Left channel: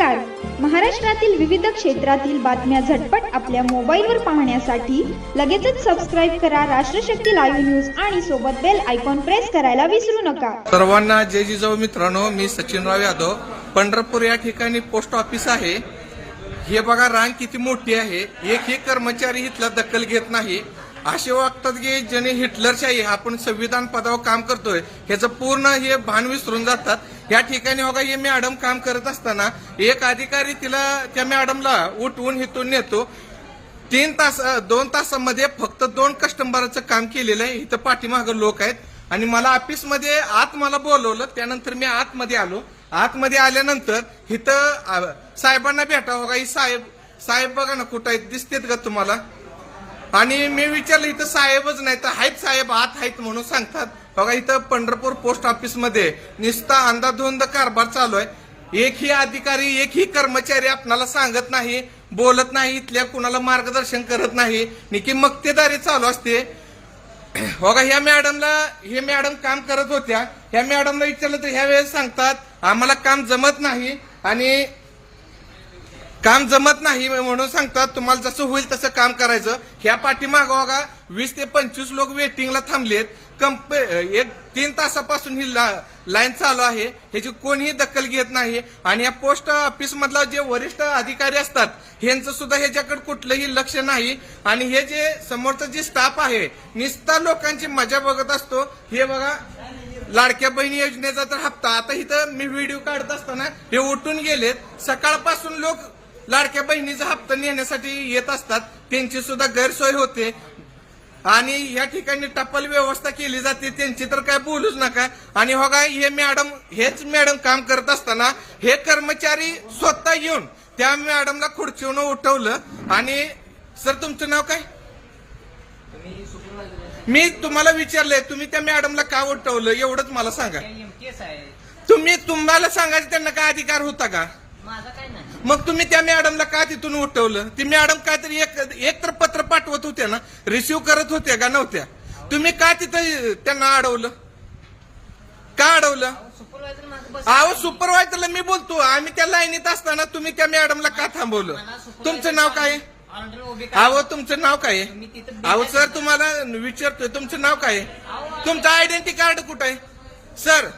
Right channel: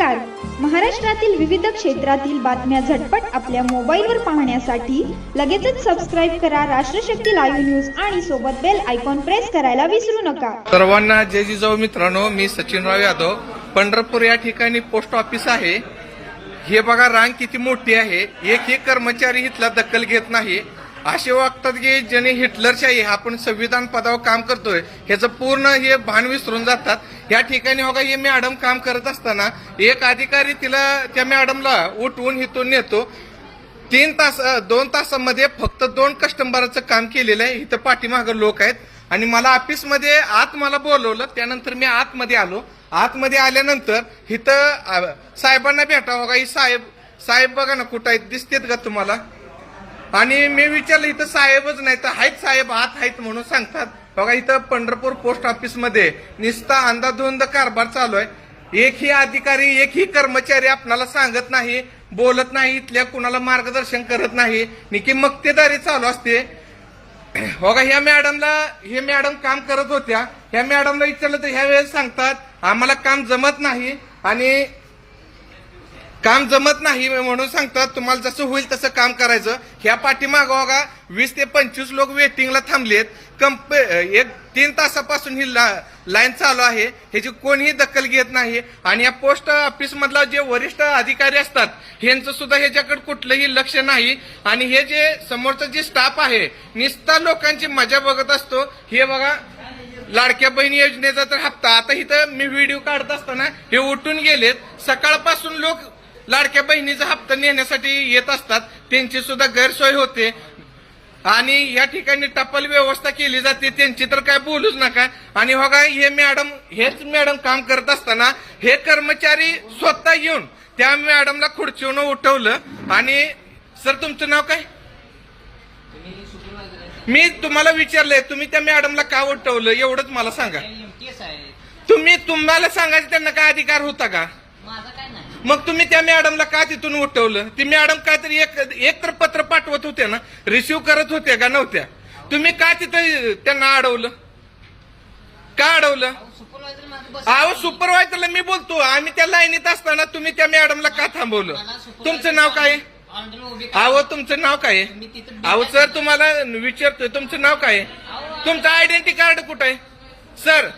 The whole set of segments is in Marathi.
नमस्कार. महाराष्ट्रातील विविध क्षेत्रातील बातम्या झटपट आपल्या मोबाईलवर पाहण्यासाठी लगेचच सबस्क्राईब करा राष्ट्रशक्ती लाईव्ह न्यूज आणि सोबत बेल आयकॉन प्रेस करायला विसरू नका. सर्वांना जय जिजाऊ मित्रांनो, मी सचिनराव यादव. पंढरपूर या ठिकाणी पोस्ट ऑफिस आहे. हे बघा रांग किती मोठी आहे. एकही कर्मचारी इथला दखल घेत नाही. असे वागतात की ज्याने हिटलरशाही आपण संविधान पदावर काम करतोय ह्याचं पूर्ण हे भान विसरून जातात. या ठिकाणी बघा हे मॅडम काम करत असताना एक अधिकारी त्या मॅडमला उठवून इथून नेतो. 2 तासामध्ये फक्त 2 कस्टमरचं काम केलेलं आहे. इथं पाठीमागं लोक आहेत आणि मला ऑफिसमध्ये आत मला बोलवलं. त्यानंतर मी आतमध्ये आलो. आतमध्ये आल्यानंतर इथं साहेबांना भेटावं का, ही साहेब बघा ना कुठं आहेत, दिसतेत का तुम्हाला? आणि मी विचारलं इथं साहेबच नाही तर आहेत साहेब आत आहेत म्हणून सांगतात. बघा इथं पंढरपूर पोस्ट ऑफिस मध्ये निस्ता अंधाधुंद कारभार चालू आहे. एकही अधिकारी एकही कर्मचारी आपणाला सांगत नाही, बोलत नाही, इथल्या कुणाला मार्गदर्शन करत नाही. निकी मक्तेदारी चालू असते. बघा हे मॅडम काम करत होत्या. ह्या मॅडमला विचारलं तर ह्या वेळेस सांगतात आम्हाला काम जमत नाही आणि काम जमत नाही म्हणून सांगतात तुम्हाला जसं होईल तसं काम करायचं. ह्या पाठीमागं बघा 20 ते 25 लोक वेटिंगला थांबलेत. 3 तासापासून ही लाईन चालू आहे. ह्याची कोणीही दखल घेत नाही. आणि या पोस्ट ऑफिस मधला जे वरिष्ठ अधिकारी असतात ह्यांचं सुद्धा ह्याच्याकडे कुठलंही लक्ष नाही. आणि हे जे समोरचं जे स्टाफ आहे निस्ता लोकांची मजा बघत असतो. हे बघा लाडक्या बहिणी योजनेचा तर हप्ता आता इथं मी व्हिडिओ काढत असताना हे उठून गेलेत. सकाळपासून लोक लाडक्या बहिणीचा हप्ता नेण्यासाठी येत असतात. त्यांची सुद्धा गैरसोय होते. आणि या ठिकाणी टपाल व्यवस्था केली जाते त्यांची तर काय बोलूच नका. आणि बघा हेच मॅडम काम करत असताना हे कर्मचारी स्वतः येऊन त्या मॅडमला खुर्चीवरून उठवलं. आणि सर तुमचं नाव काय? मी तुम्हाला विचारलंय तुम्ही त्या मॅडमला का उठवलं एवढंच मला सांगा. तुम्हाला सांगायचं त्यांना काय अधिकार होता का? मग तुम्ही त्या मॅडमला का तिथून उठवलं? ती मॅडम काहीतरी एक तर पत्र पाठवत होत्या ना, रिसिव्ह करत होत्या का नव्हत्या? तुम्ही का तिथं त्यांना अडवलं? का अडवलं? अहो सुपरवायझरला मी बोलतो. आम्ही त्या लाईनीत असताना तुम्ही त्या मॅडमला का थांबवलं? तुमचं नाव काय? अहो तुमचं नाव काय? अहो सर तुम्हाला विचारतोय तुमचं नाव काय? तुमचं आयडेंटिटी कार्ड कुठं आहे? सर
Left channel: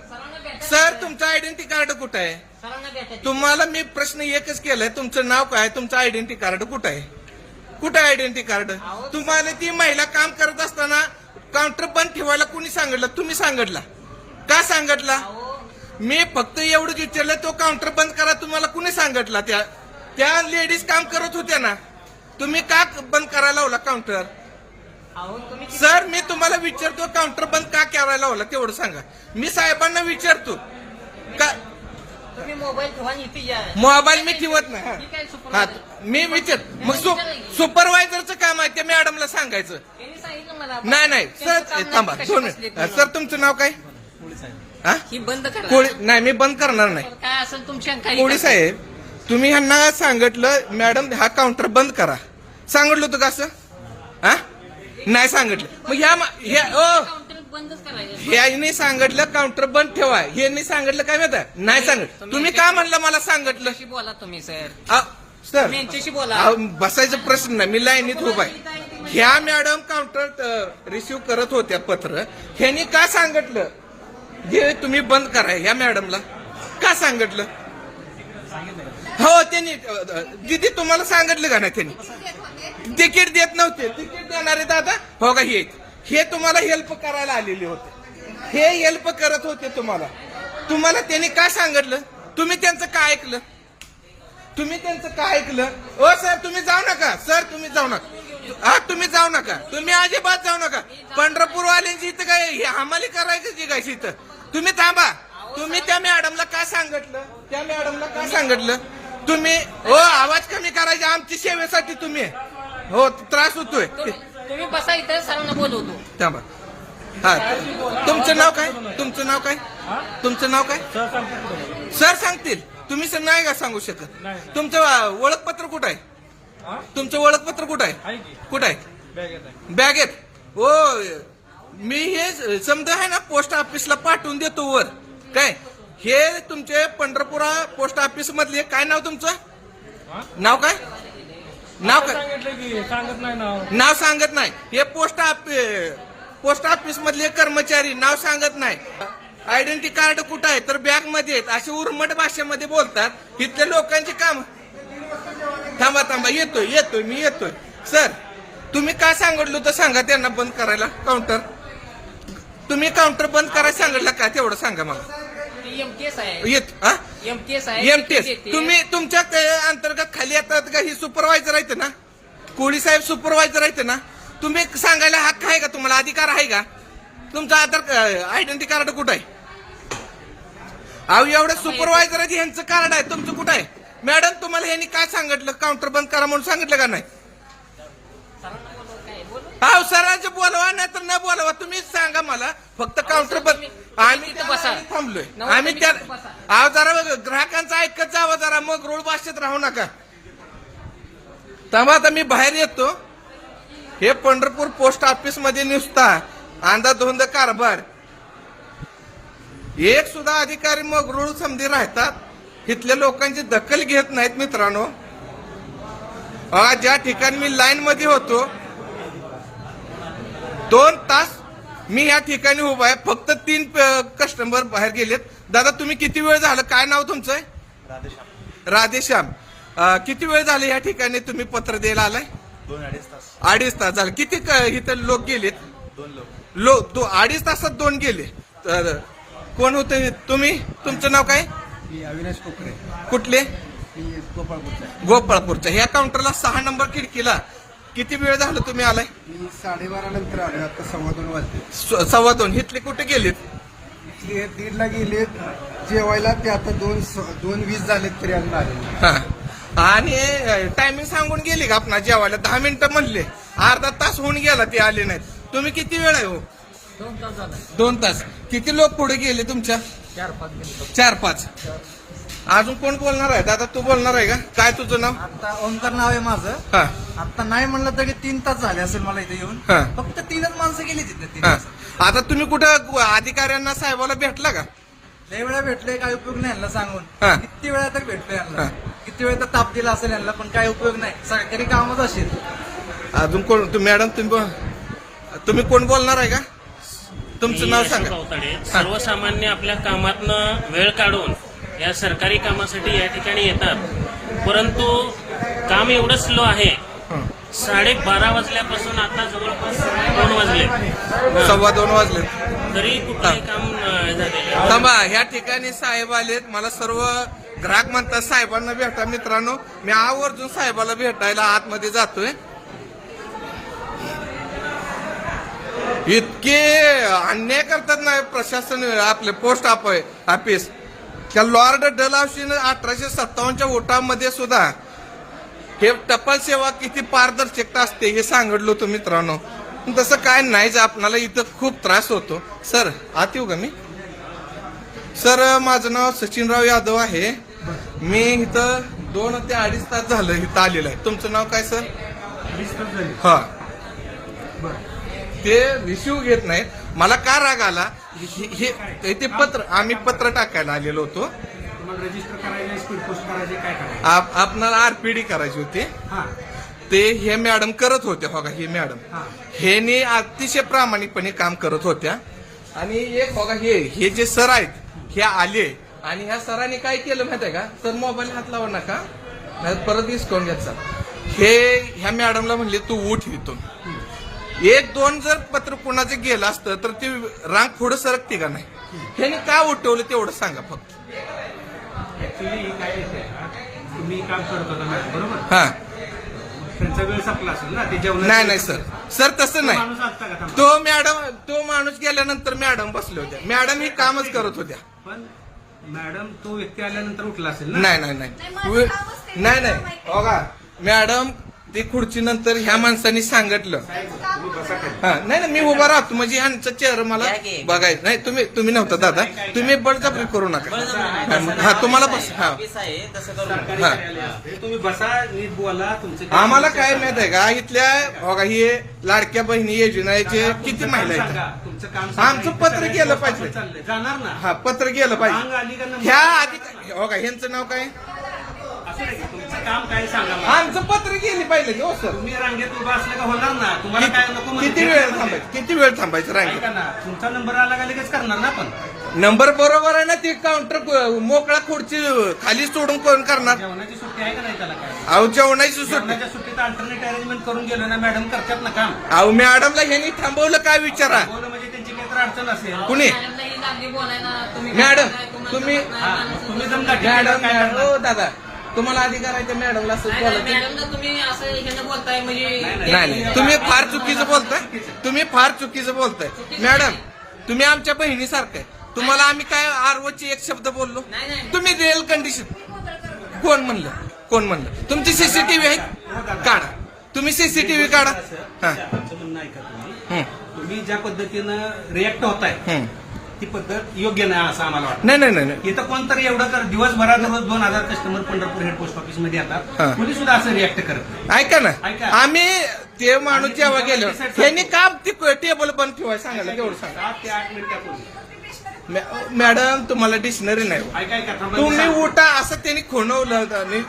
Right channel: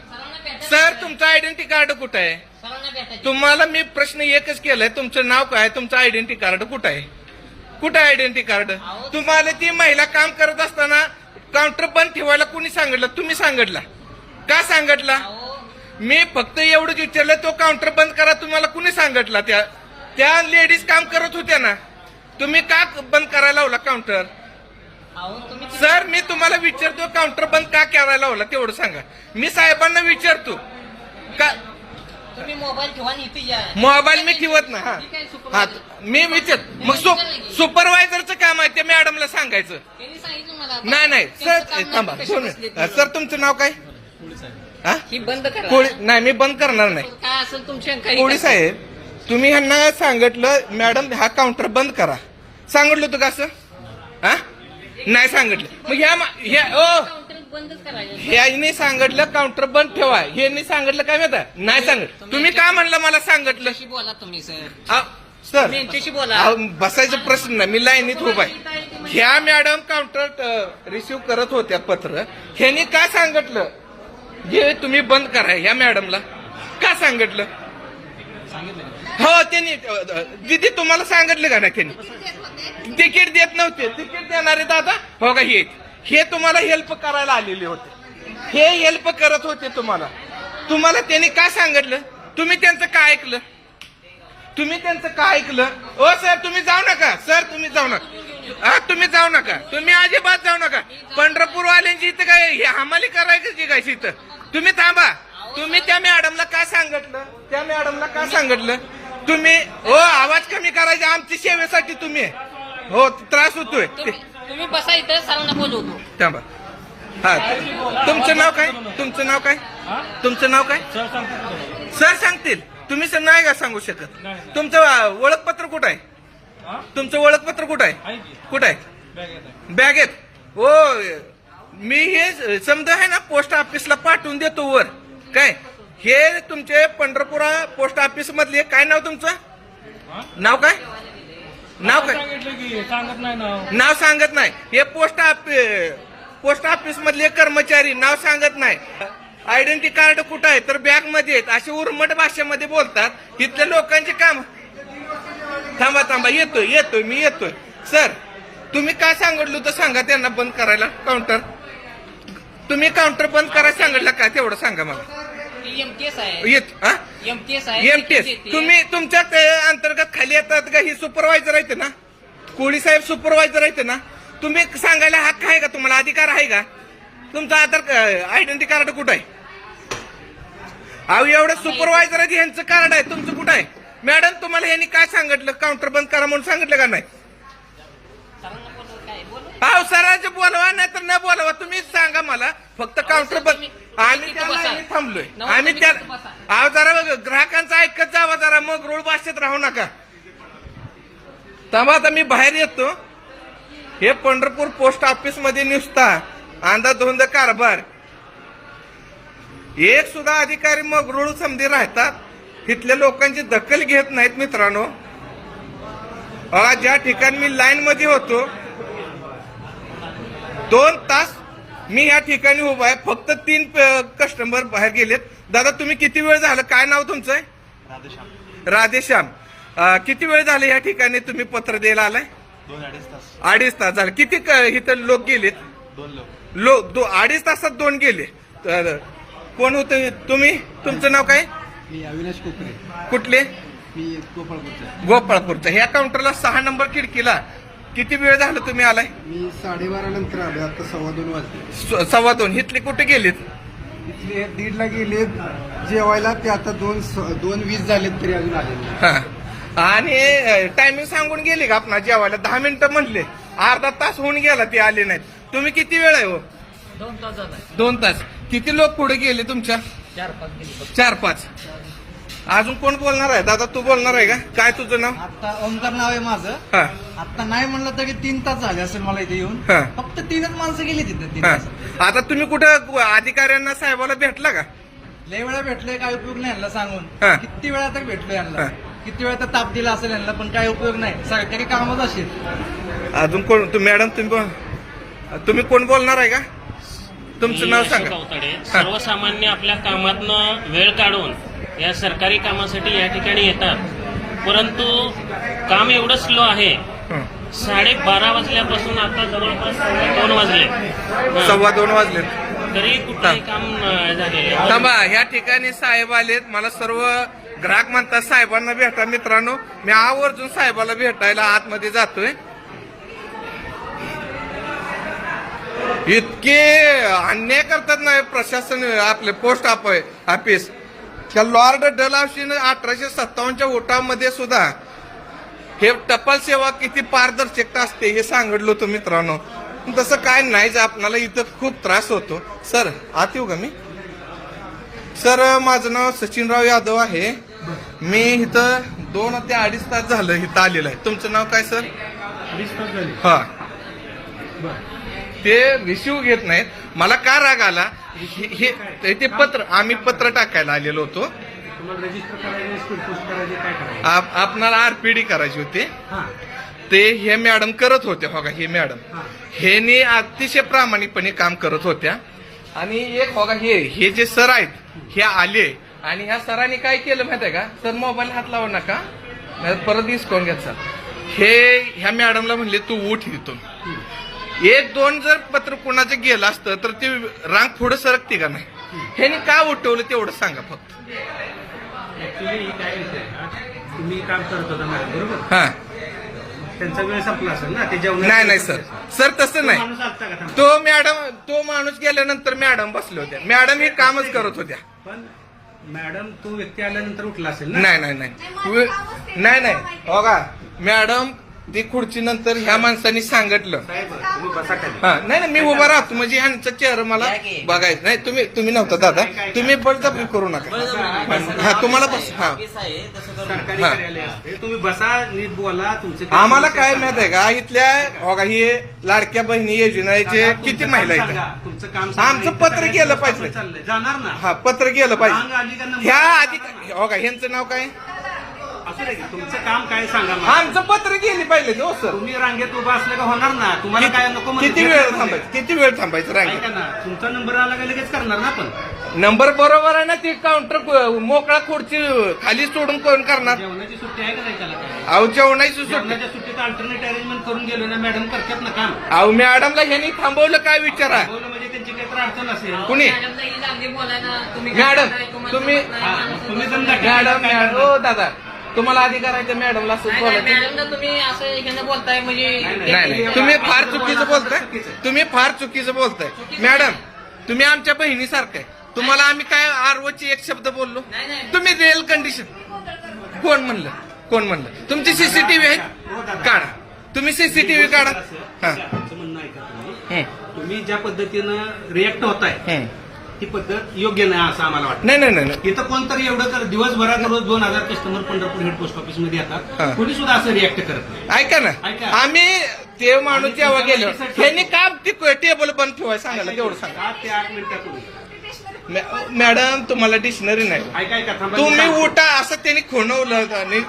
तुमचं आयडेंटिटी कार्ड कुठं आहे? तुम्हाला मी प्रश्न एकच केलाय, तुमचं नाव काय, तुमचं आयडेंटिटी कार्ड कुठं आहे? कुठं आहे आयडेंटिटी कार्ड? तुम्हाला ती महिला काम करत असताना काउंटर बंद ठेवायला कुणी सांगितलं? तुम्ही सांगितलं का? सांगितलं मी फक्त एवढंच विचारलं. तो काउंटर बंद करा तुम्हाला कुणी सांगितलं? त्या लेडीज काम करत होत्या ना, तुम्ही का बंद करायला लावला काउंटर? सर मी तुम्हाला विचारतो काउंटर बंद का करायला लावला तेवढं सांगा. मी साहेबांना विचारतो का तुम्ही मोबाईल ठेवा इथे या. मोबाईल मी ठेवत नाही. हा मी विचार मग सुपरवायझरचं काम आहे ते मॅडमला सांगायचं. नाही सर थांबा सर तुमचं नाव काय? बंद करा. नाही मी बंद करणार नाही. काय असेल तुमच्या कोळी साहेब तुम्ही ह्यांना सांगितलं मॅडम हा काउंटर बंद करा, सांगितलं होतं का असं? हा नाही सांगितलं. मग ह्याने सांगितलं काउंटर बंद ठेवा, ह्यांनी सांगितलं काय माहिती नाही सांगितलं. तुम्ही का म्हणलं मला सांगितलं? बोला तुम्ही सर. सर यांच्याशी बोला. बसायचा प्रश्न नाही, मी लाईनीत उभा आहे. ह्या मॅडम काउंटर रिसिव्ह करत होत्या पत्र. ह्यांनी का सांगितलं जे तुम्ही बंद करा? ह्या मॅडमला का सांगितलं? हो त्यांनी दिदी तुम्हाला सांगितलं का नाही? त्यांनी तिकीट देत नव्हते. तिकीट देणारे दादा हो का हे तुम्हाला हेल्प करायला आलेले होते. हे हेल्प करत होते तुम्हाला त्यांनी का सांगितलं? तुम्ही त्यांचं काय ऐकलं? ओ सर तुम्ही जाऊ नका. सर तुम्ही जाऊ नका. तुम्ही जाऊ नका. तुम्ही अजिबात जाऊ नका. पंढरपूरवाल्यांची इथं काय हमाली करायची काय इथं? तुम्ही थांबा. तुम्ही त्या मॅडमला का सांगितलं? तुम्ही आवाज कमी करायचा आमच्या सेवेसाठी. तुम्ही हो त्रास होतोय. तुम्ही बसा इथं सरांना बोलवतो. थांबा. हा तुमचं नाव काय? सर सांगतील. तुम्ही सर नाही का सांगू शकत? तुमचं ओळखपत्र कुठं आहे? कुठं आहे? बॅगेत. हो मी हे समजा आहे ना पोस्ट ऑफिसला पाठवून देतो वर काय. हे तुमचे पंढरपुरा पोस्ट ऑफिस मधले काय नाव तुमचं? नाव काय? नाव काय? सांगत नाही नाव सांगत नाही. हे पोस्ट ऑफिस मधले कर्मचारी नाव सांगत नाही. आयडेंटिटी कार्ड कुठं आहे तर बॅग मध्ये आहेत असे उर्मट भाषेमध्ये बोलतात. इथल्या लोकांचे काम. थांबा मी येतोय. सर तुम्ही काय सांगितलं तर सांगा त्यांना बंद करायला काउंटर. तुम्ही काउंटर बंद करायला सांगितलं का तेवढं सांगा मला. एमटीएस आहे. एमटीएस आहे. एमटीएस तुम्ही तुमच्या अंतर्गत खाली येतात का? ही सुपरवायझर आहेत ना, कोळी साहेब सुपरवायझर आहेत ना. तुम्ही सांगायला हक्क आहे का? तुम्हाला अधिकार आहे का? तुमचं आधार आयडेंटिटी कार्ड कुठं आहे? अहो एवढं सुपरवायझर आहे यांचं कार्ड आहे, तुमचं कुठं आहे? मॅडम तुम्हाला ह्यांनी काय सांगितलं? काउंटर बंद करा म्हणून सांगितलं का नाही? अहो सरांचं बोलवा नाही तर न बोलवा, तुम्ही सांगा मला फक्त काउंटर बंद. आम्ही थांबलोय. आम्ही त्या अहो जरा ग्राहकांचं ऐकत जावं जरा, मग रूळ भाषेत राहू नका. तेव्हा आता मी बाहेर येतो. हे पंढरपूर पोस्ट ऑफिस मध्ये नुसता अंधाधुंद कारभार. एक सुद्धा अधिकारी मग रूळ समधी राहतात. इथल्या लोकांची दखल घेत नाहीत मित्रांनो. ज्या ठिकाणी मी लाईन मध्ये होतो 2 तास मी या ठिकाणी उभा आहे, फक्त 3 कस्टमर बाहेर गेलेत. दादा तुम्ही किती वेळ झालं? काय नाव तुमचं आहे? राधेश्याम. किती वेळ झाले या ठिकाणी तुम्ही पत्र द्यायला आलाय? 2-2.5 तास झाले. किती इथं लोक गेलेत? 2 लोक. 2.5 तासात 2 गेले. कोण होते तुम्ही? तुमचं नाव काय? अविनाश कोकरे. कुठले? गोपाळपूरचा. ह्या काउंटरला 6 नंबर खिडकीला किती वेळ झालं तुम्ही आलाय? मी 12:30 नंतर आलो. आता 2:15 वाजले. 2:15. इथले कुठे गेलेत? इथले 1:30 गेले जेवायला. ते आता 2:20 झालेत तरी अजून आले नाही. हा. आणि टायमिंग सांगून गेली का आपण जेवायला? 10 मिनिटं म्हणले, अर्धा तास होऊन गेला ते आले नाहीत. तुम्ही किती वेळ आहे हो? 2 तास झाला. 2 तास. किती लोक पुढे गेले तुमच्या? 4-5. अजून कोण बोलणार आहे? दादा तू बोलणार आहे का? काय तुझं नाव? आता ओंकार नाव आहे माझं. हा आता नाही म्हणलं तरी 3 तास झाले असेल मला इथे येऊन. हा. फक्त 3च माणसं गेली तिथे 3 हा. तास. आता तुम्ही कुठं साहेबांना भेटला का? लय वेळा भेटलोय, काय उपयोग नाही यांना सांगून. हा. किती वेळा तर भेटलोय यांना. हा. किती वेळा तर ताप दिला असेल यांना, पण काय उपयोग नाही. सरकारी कामच असेल. अजून कोण? मॅडम तुम्ही कोण बोलणार आहे का? तुमचं नाव सांगा. गावताडे. सर्वसामान्य आपल्या कामातनं वेळ काढून या सरकारी कामासाठी या ठिकाणी येतात, परंतु काम एवढं स्लो आहे. 12:30 वाजल्यापासून आता जवळपास 2 वाजले. 2:15 वाजले तरी कुठलंही काम झालेलं आहे. थांबा. ह्या ठिकाणी साहेब आलेत. मला सर्व ग्राहक म्हणतात साहेबांना भेटा. मित्रांनो मी आवर्जून साहेबाला भेटायला आतमध्ये जातोय. इतके अन्याय करतात ना प्रशासन. आपले पोस्ट ऑफिस. त्या लॉर्ड डलहौसीने 1857च्या उठावामध्ये सुद्धा हे टपाल सेवा किती पारदर्शकता असते हे सांगितलं होतं मित्रांनो. तसं काय नाहीच. आपल्याला इथं खूप त्रास होतो. सर आत येऊ का मी? सर माझं नाव सचिनराव यादव आहे. मी इथं 2 ते 2.5 तास झालं इथं आलेलं आहे. तुमचं नाव काय सर? 2.5 तास झाले. हा. ते रिसिव्ह घेत नाहीत. मला का राग आला? ते आम्ही पत्र टाकायला आलेलो होतो. तुम्हाला रजिस्टर करायचे, स्पीड पोस्ट करायचे, काय करायचे? आपणाला आरपीडी करायची होती. हा. ते हे मॅडम करत होते. हो का? हे मॅडम हे अतिशय प्रामाणिकपणे काम करत होत्या. आणि एक हो का हे जे सर आहेत हे आले आणि ह्या सरांनी काय केलं माहिती आहे का? सर मोबाईल हात लावा नका, नाही परत डिस्काउंट घ्यायचा. हे ह्या मॅडमला म्हणले तू उठ इथून. 1-2 जर पत्र कोणाचं गेलं असतं तर ते रांग पुढे सरकते का नाही? ह्याने का उठवलं तेवढं सांगा फक्त. ऍक्च्युली काय विषय तुम्ही काम करत होता मॅडम, बरोबर? हा. त्यांचा वेळ संपला असेल ना, ते जेवण. नाही सर तसं नाही. माणूस असता का थांबा? तो माणूस गेल्यानंतर मॅडम बसले होत्या. मॅडम हे कामच करत होत्या. पण मॅडम तो व्यक्ती आल्यानंतर उठला असेल ना? नाही. हो का? मॅडम ती खुर्ची नंतर ह्या माणसांनी सांगितलं. साहेब तुम्ही बसा खाली. हा नाही मी उभा राहतो म्हणजे ह्यांचा चेहरा मला बघायचं नाही. तुम्ही नव्हता दादा, तुम्ही बळजबरी करू नका. हा तुम्हाला बस. हा सरकारी हा. कार्यालय असते. तुम्ही बसा, नीट बोला. तुमचे काय आम्हाला समस्या काय सांगा. माहित आहे का, इथल्या बघा ही लाडक्या बहिणी योजनेचे किती महिला सांगा. आहेत. तुमचं काम आमचं सांगा. पत्र गेलं पाहिजे. चाललंय. जाणार ना. हा पत्र गेलं रांग पाहिजे. आली का नंबर? ह्या आधी बघा ह्यांचं नाव काय, असं नाही का? तुमचं काम काय सांगा मला. आमचं पत्र गेली पाहिजे हो सर. तुम्ही रांगेत उभा असलं का होणार ना. तुम्हाला काय नको म्हणजे किती वेळ थांबायचं, किती वेळ थांबायचं ऐका रांगेत. ना, तुमचा नंबर आला का लगेच करणार ना आपण. नंबर बरोबर आहे ना, ते काउंटर मोकळा खुर्ची खाली सोडून कोण करणार. जेवणाची सुट्टी आहे का नाही त्याला काय? अहो जेवणाची सुट्टी. जेवणाच्या सुट्टीत अल्टरनेट अरेंजमेंट करून गेलो ना मॅडम, करतात ना काम. अहो मॅडमला ह्यांनी थांबवलं काय विचारा. बोल म्हणजे त्यांची काहीतरी अडचण असेल. कुणी मॅडम तुम्ही हा, तुम्ही जण गाठी मॅडम काय करणार? हो दादा तुम्हाला अधिकार आहे का मॅडमला असं बोलायचं. मॅडमला तुम्ही असं ह्यानं बोलताय म्हणजे नाही नाही तुम्ही फार चुकीचं बोलताय. तुम्ही फार चुकीचं बोलताय मॅडम. तुम्ही आमच्या बहिणीसारखं आहे. तुम्हाला आम्ही काय आरओची एक शब्द बोललो. तुम्ही रिअल कंडिशन कोण म्हणलं तुमची सीसीटीव्ही आहे काढा. तुम्ही सीसीटीव्ही काढा. हा आमचं म्हणणं ऐका तुम्ही. हं. तुम्ही ज्या पद्धतीनं रिएक्ट होताय हं. ती पद्धत योग्य नाही असं आम्हाला वाटतं. नाही इथं कोणतरी एवढं कर दिवसभरात रोज 2000 customer Pandharpur head post office मध्ये येतात. हा. कोणी सुद्धा असं रिएक्ट करत नाही. ऐका ना, ऐका. आम्ही ते माणूस आणि जेव्हा तुमच्या गेलो website त्यांनी का टेबल बंद ठेवाय सांगायला तेवढं सांगा. 7 ते 8 मिनिटापूर्वी मॅडम तुम्हाला डिक्शनरी नाही. ऐका थांबा. तुम्ही उठा असं त्यांनी खोनवलं आणि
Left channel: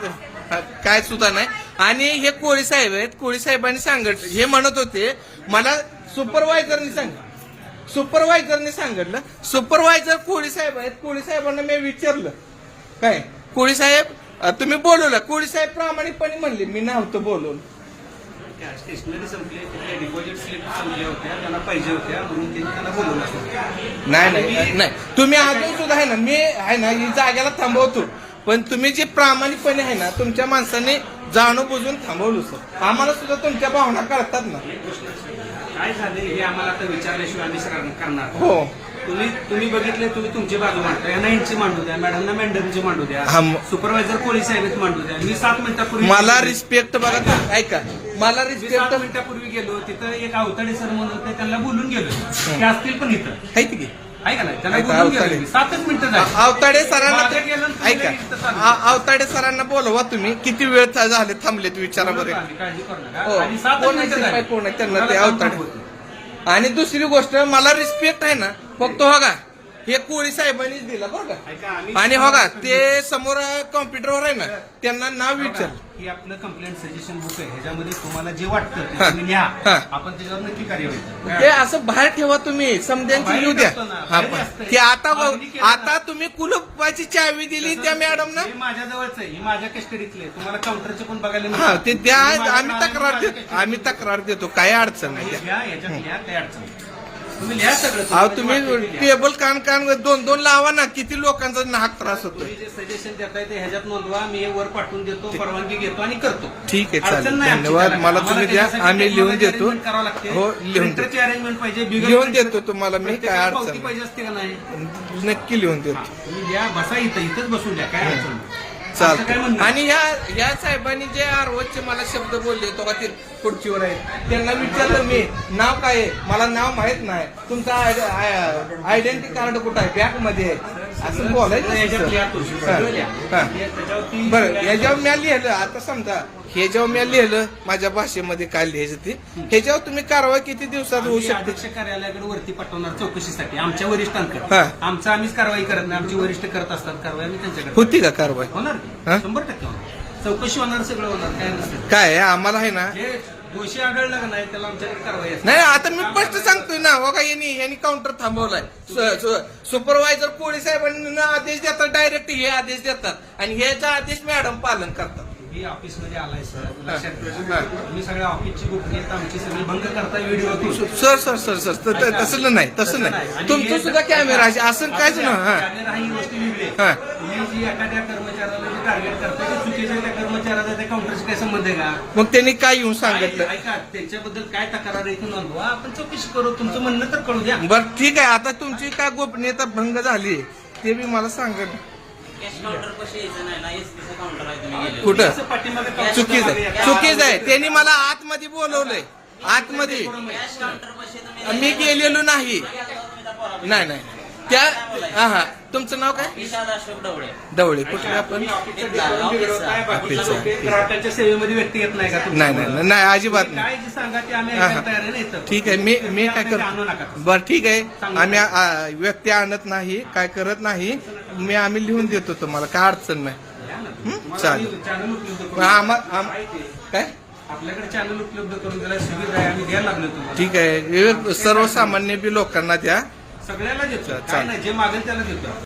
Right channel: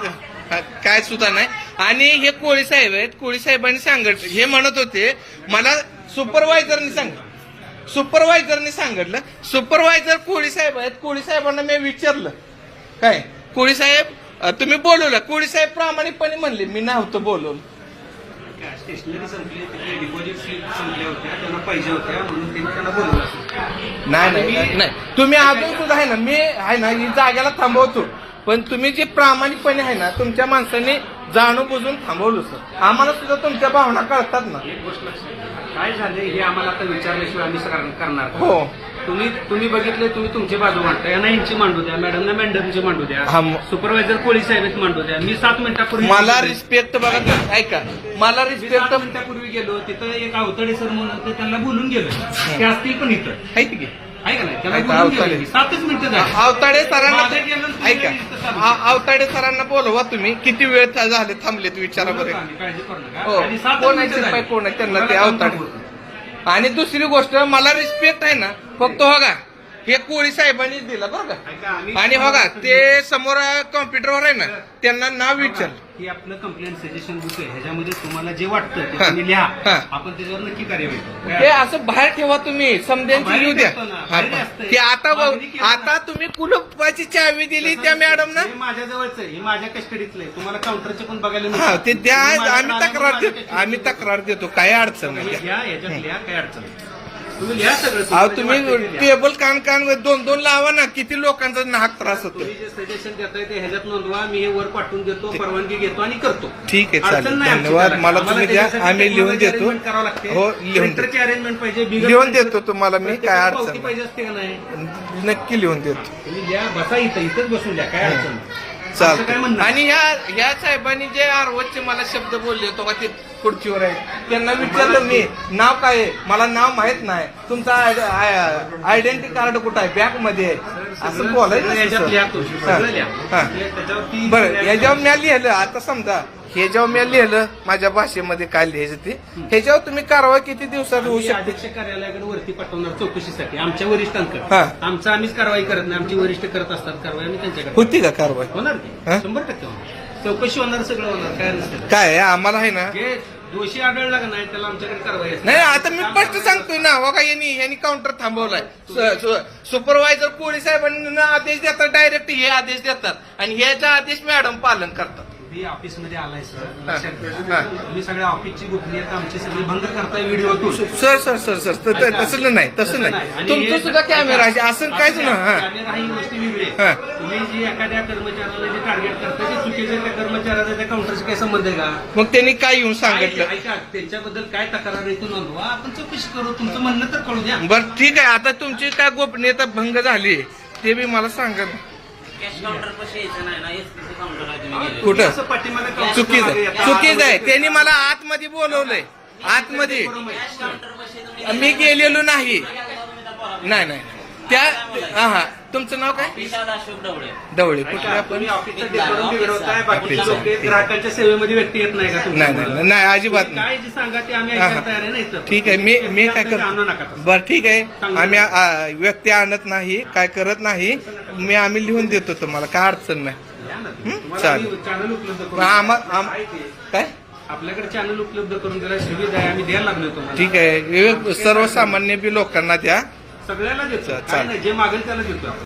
काय सुद्धा नाही. आणि हे कोळी साहेब आहेत, कोळी साहेबांनी सांगितलं, हे म्हणत होते मला सुपरवायझरनी सांगितलं. सुपरवायझर कोळी साहेब आहेत. कोळी साहेबांना मी विचारलं काय कोळी साहेब तुम्ही बोलवलं. कोळी साहेब प्रामाणिकपणे म्हणले मी नव्हतं बोलवलं. स्टेशनरी संपली, तिथल्या डिपॉझिट स्लिप संपल्या होत्या, त्यांना पाहिजे होत्या म्हणून त्यांनी त्यांना बोलवलं असेल. नाही तुम्ही अजून सुद्धा आहे ना, मी आहे ना ही जागेला थांबवतो. पण तुम्ही जे प्रामाणिकपणे आहे ना तुमच्या माणसाने जाणून बुजून थांबवलं सर. आम्हाला सुद्धा तुमच्या भावना कळतात ना. एक गोष्ट लक्षात घ्या. काय झाले हे आम्हाला आता विचारल्याशिवाय आम्ही करणार का? हो तुम्ही बघितले, तुम्ही तुमची बाजू मांडता. यांना यांची मांडू द्या, मॅडमना मॅडमची मांडू द्या, हा. सुपरवायझर कोळी साहेब मांडू द्या. मी 7 मिनिटापूर्वी मला रिस्पेक्ट बघा ऐका मला मी रिस्पेक्ट 7 मिनिटापूर्वी गेलो. तिथं एक अवतडे सर म्हणून होते, त्यांना बोलून गेलो. ते असतील पण इथं आहे की आहे का नाही? त्याला ऐका, बोलून गेलो अवतडे. मी. 7च मिनिटं झाली. अवताडे सरांना माझ्या गेलं, तुम्ही ऐका लगेच इथं चालू. अवताडे सरांना बोलवा. तुम्ही किती वेळ झाले थांबलेत विचारा बरं. काळजी करू नका. हो आणि 7 कोण मिनिटं आहे झाली. कोण आहे त्यांना ते तुम्हाला काम अवताडे. थांबवतो. आणि दुसरी गोष्ट मला रिस्पेक्ट आहे ना फक्त बघा हे कोळी साहेबांनीच दिला बरं का. ऐका, आम्ही- आणि बघा ते समोर कॉम्प्युटरवर आहे ना त्यांना नाव विचार. हे आपलं कंप्लेंट सजेशन बुक आहे. ह्याच्यामध्ये तुम्हाला जे वाटतं ते हा. तुम्ही लिहा. हा. आपण त्याच्यावर नक्की कार्यवाही करू. ते असं बाहेर ठेवा तुम्ही समजायचं लिहू द्या. हा, ते आता तुम्ही कुलपाची चावी दिली त्या मॅडमना. हे माझ्याजवळच आहे, हे माझ्या कस्टडीतलं आहे. तुम्हाला काउंटरचे पण बघायला हा मिळतं. ते द्या. तुम्ही माझ्या आम्ही नावाने तक्रार माझ्या देतो. custody आम्ही तक्रार देतो काही अडचण नाही. घ्या, याच्यात लिहा, काही अडचण नाही. तुम्ही लिहा सगळं. अहो तुम्हाला जे तुम्ही वाटतं ते लिहा. टेबल कान 2-2 लावा ना. किती लोकांचा नाहक त्रास होतोय. तुम्ही जे सजेशन देताय ते ह्याच्यात नोंदवा. मी हे वर पाठवून देतो, परवानगी घेतो आणि करतो. ठीक आहे, चालेल. अडचण नाही आमची धन्यवाद. त्याला. मला आम्हाला तुम्ही द्या. त्याच्यासाठी आम्ही लिहून technology देतो. arrangement करावं लागते. हो, लिहून देतो. प्रिंटरची अरेंजमेंट पाहिजे. बिगर लिहून प्रिंटर- देतो तुम्हाला मी. काय प्रत्येकाला अडचण पावती नाही. पाहिजे असते का नाही? नक्की लिहून देतो. तुम्ही या, बसा इथंच बसून द्या, काय अडचण नाही. असं काय चालतं. म्हणणं? आणि ह्या साहेबांनी जे आरवचे मला शब्द बोलले तो का ते खुर्चीवर आहे त्यांना विचारलं मी नाव काय आहे. मला नाव माहित नाही. तुमचा आयडेंटिटी कार्ड कुठं आहे? बॅग मध्ये आहे. असं बोलायचं सगळं याच्यात लिहा तो. हा, सगळं लिहा. हा. त्याच्यावरती- बरं ह्याच्यावर मी लिहिलं. आता समजा हे जेव्हा मी लिहिलं माझ्या भाषेमध्ये काय लिहायचं ते ह्याच्यावर तुम्ही कारवाई किती दिवसात होऊ आम्ही शकते? अध्यक्ष कार्यालयाकडे वरती पाठवणार चौकशीसाठी आमच्या वरिष्ठांकडे. हा. आमचं आम्हीच कारवाई करत नाही. आमची वरिष्ठ करत असतात कारवाई, आम्ही त्यांच्याकडे होती का कारवाई? होणार हा? 100% होणार. चौकशी होणार, सगळं होणार, काय नसतं. काय आहे, आम्हाला आहे ना. जे दोषी आढळला का नाही त्याला आमच्याकडे कारवाई असते. नाही आता मी स्पष्ट सांगतोय ना. बघा यांनी काउंटर थांबवलाय. सुपरवायझर कोळी साहेबांना आदेश देतात. डायरेक्ट हे आदेश देतात आणि ह्याचा आदेश मॅडम पालन करतात. तुम्ही ऑफिसमध्ये आलाय सर, हा. लक्षात हा. ठेवा. तुम्ही सगळ्या ऑफिसची गोपनीयता आमची सगळी भंग करताय व्हिडिओतून. सर तसं नाही आणि तुमचं हे- सुद्धा कॅमेरा आहे असं काहीच ना. हा. कॅमेरा ही गोष्ट वेगळी हा. आहे. तुम्ही जी एखाद्या कर्मचाऱ्याला जे टार्गेट करता ते चुकीचे, त्या कर्मचाऱ्याचा त्या काउंटरशी काय संबंध आहे का? मग त्यांनी काय येऊन सांगितलं? ऐका, त्यांच्याबद्दल काय तक्रार आहे ती नोंदवा, आपण चौकशी करू. तुमचं म्हणणं तर कळू द्या. बरं ठीक आहे. आता तुमची काय गोपनीयता भंग झाली ते बी मला सांगा. कॅश काउंटर पाशी यायचं नाही ना, एसटीचं काउंटर आहे तुम्ही गेले. कुठं असं पाठीमागे काउंटर चुकीचं मागे आहे येतात. चुकीचं आहे त्यांनी मला आतमध्ये बोलवलंय आतमध्ये मी गेलेलो नाही नाही नाही त्या हा तुमचं नाव काय विशाल अशोक डवळे. दवळे कुठले आपण तुम्ही ऑफिसचं डेकोरम बिघडवताय, बाकीच्या ऑफिसचं. लोक ग्राहकांच्या सेवेमध्ये व्यक्ती येत नाही का नाही तुमच्याबरोबर? नाही नाही अजिबात तुम्ही नाही काय जे सांगा ते आम्ही हा, ऐकायला हा. तयार आहे ना इथं. ठीक आहे मी काय आणू नका करतो तसं. बरं ठीक आहे आम्ही व्यक्ती आणत नाही काय करत नाही आम्ही लिहून देतो तुम्हाला काय अडचण नाही या ना तुम्ही. तुम्हाला चालेल. आम्ही चॅनल उपलब्ध करून काय आपल्याकडे चॅनल उपलब्ध करून देण्यास सुविधा आहे, आम्ही द्यायला लागलो तुम्हाला. ठीक आहे सर्वसामान्य बी लोकांना द्या सगळ्यांना देतो काय चालेल. नाही, जे मागेल त्याला देतो आपण.